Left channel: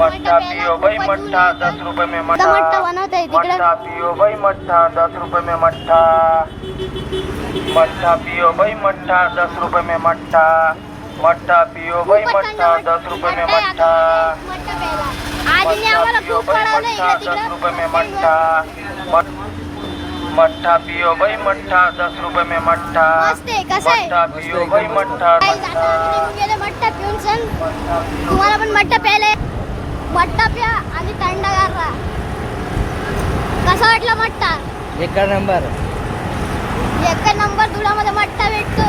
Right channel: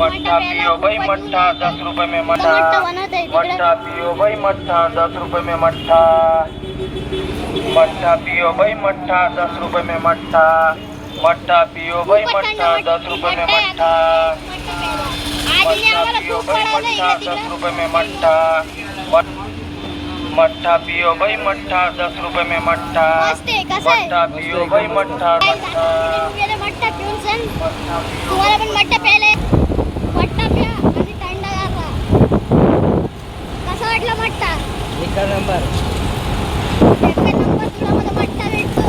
मट्ठा पियो भाई मट्ठा 10 रुपए में मट्ठा मट्ठा पियो भाई मट्ठा 10 रुपए में मट्ठा मट्ठा पियो भाई मट्ठा 10 रुपए में मट्ठा मट्ठा पियो भाई मट्ठा 10 रुपए में मट्ठा मट्ठा पियो भाई मट्ठा 10 रुपए में मट्ठा मट्ठा पियो भाई मट्ठा 10 रुपए में मट्ठा मट्ठा पियो भाई मट्ठा मट्ठा पिऊन सण तुम्हाला पण मट्ठा प्यायले मट्ठा प्या आणि थंडगार राहा. कसा वाटला मट्ठा? एक नंबर दुधामध्ये मट्ठा भेटतो.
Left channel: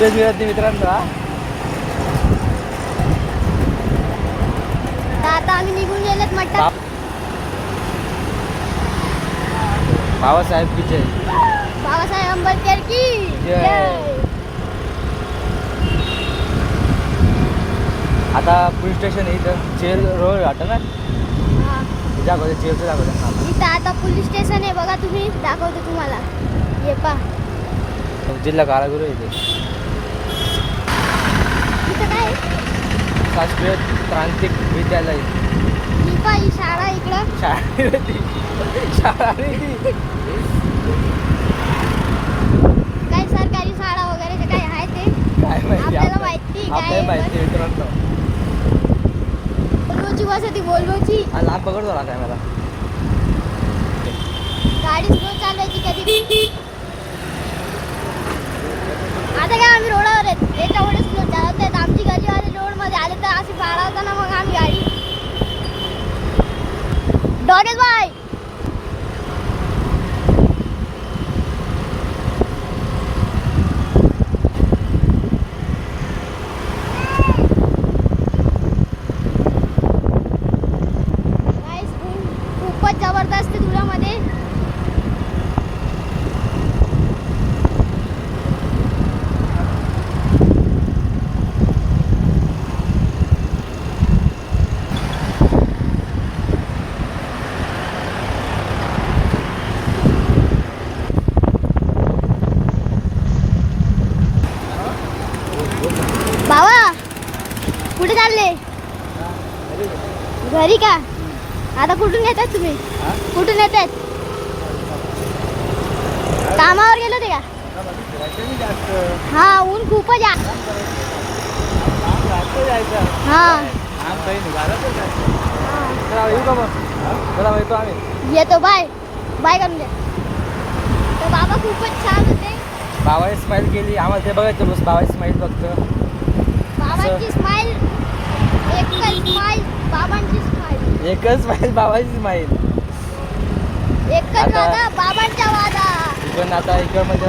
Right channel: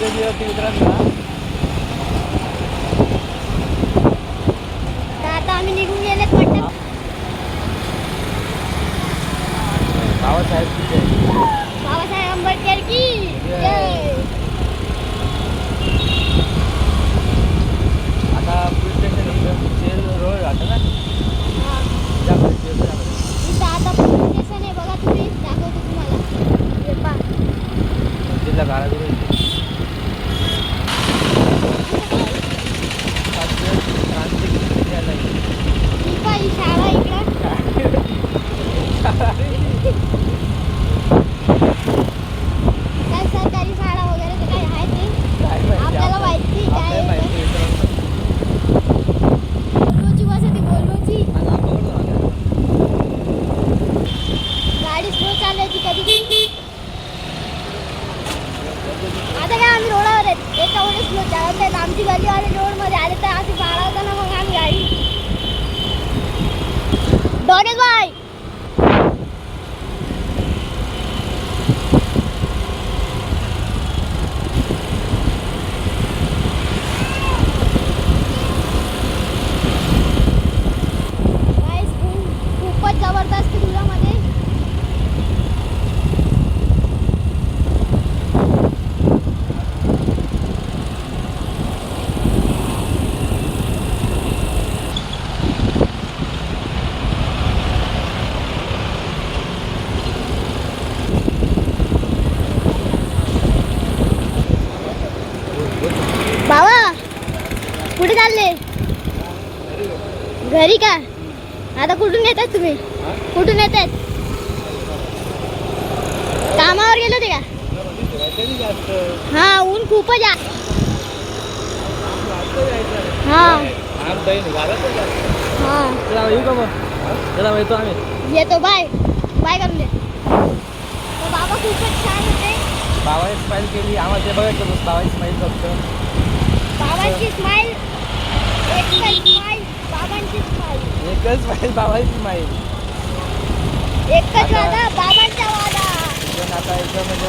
मित्रांनो आता आम्ही निघून गेलेत मट्ठा. बाबासाहेब की जय. बाबासाहेब आंबेडकर की जय. आता पोलीस स्टेशन इथं जेल रोड राहतं ना त्यामध्ये जेल राहतं. इथं आता पोलीस स्टेशन आहे बघा. तुम्ही दाखवतो तुम्हाला. हे पा जिल्हा कारागृह इथे काय शासकीय प्रांतिक विद्यालय. ही पा ही शाळा इकडं काय सरकारी शाळा वगैरे ते काय आहे ते आपल्याला माहिती काय बोलवची वसती बोलवची लांब पकडतो ना काय गाडी स्लो चालवायची कधी. आता काय आम्ही रोडावर आहेत त्याच्यामुळे स्लो चालवत आहेत. आमची गलीवाले रोडमध्ये आले तर अशी बाळावता ना मग आम्ही गाडी डॉनेश भाई खूपच जबरदस्त धुळ्यामध्ये. बाबा कुठे चालले? घरी का? आता कुठून येतात तुम्ही? कुठून येतात? कामावर गेलो होते का? हा ऊन खूपच आहे. हा येतो बाय बाय करून दे. तर बाबा खूपच छान होते. बाबाने स्माईल केली आम्हाला ते बघायचं. बाबाची स्माईल फक्त बाबांची स्माईल एकच स्माईल बाबांची स्माईल एकच स्माईल बाबाची स्माईल एकच वादा बाबांचा वादा. पण आता इथं म्हणजे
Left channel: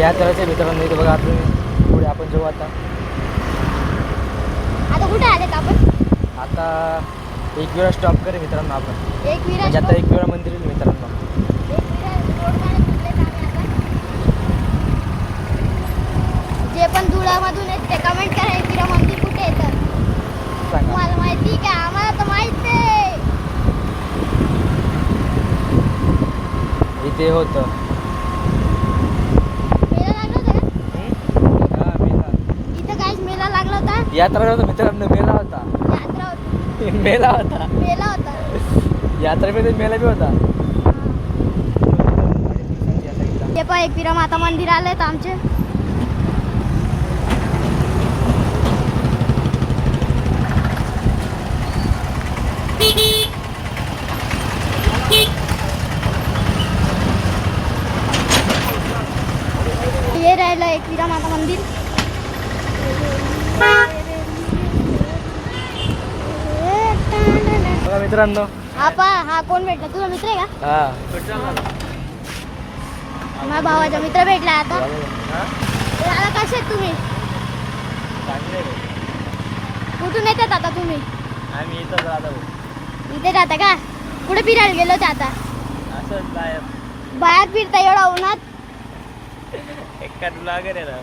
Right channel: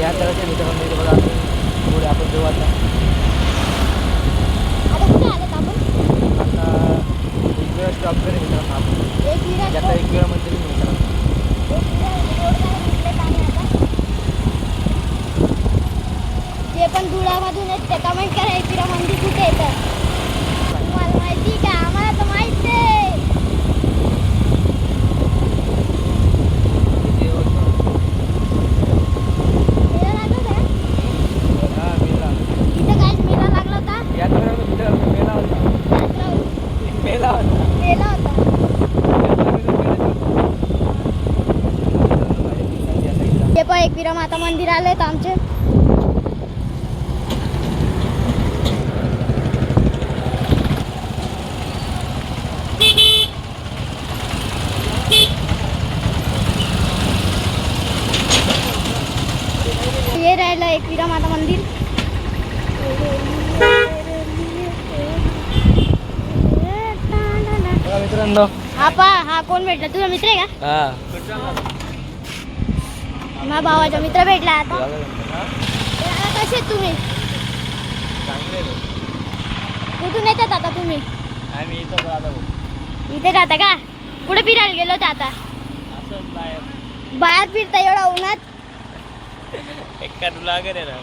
या तऱ्हेच्या मित्रांनो इथे बघा आपण बघू आता कुठे आलेत आपण? आता एक वेळा स्टॉप करेल मित्रांनो आपण. एक मिनिट आता एक वेळा मंदिर मित्रांनो जे पण धुळ्यामधून आहेत ते कमेंट करा एकविरा मंदिर कुठे येतं. तुम्हाला माहिती का? आम्हाला तर माहित आहे. इथे होतं मेला लागला होता का? इथं काहीच मेला लागला होता. यात्रा होता मित्रांनो. मेला होता मेला होता मेला होता. यात्रेमध्ये मेला बी होता. हे पण एकविरा माता मंदिर आले तर आमचे. हे राहिलं एकविरा माता मंदिर. मित्रांनो हा कोण भेटला? तुझा मित्र आहे का? माझ्या भावाचा मित्र भेटला. आता कसे आहेत तुम्ही? कुठून येतात आता तुम्ही? आम्ही इथं राहतो. इथे राहता का? कुठे फिरायला गेलो होते आता? असं बाहेर बाहेर फिरता एवढा उन्हात? एका तुला वगैरे राहू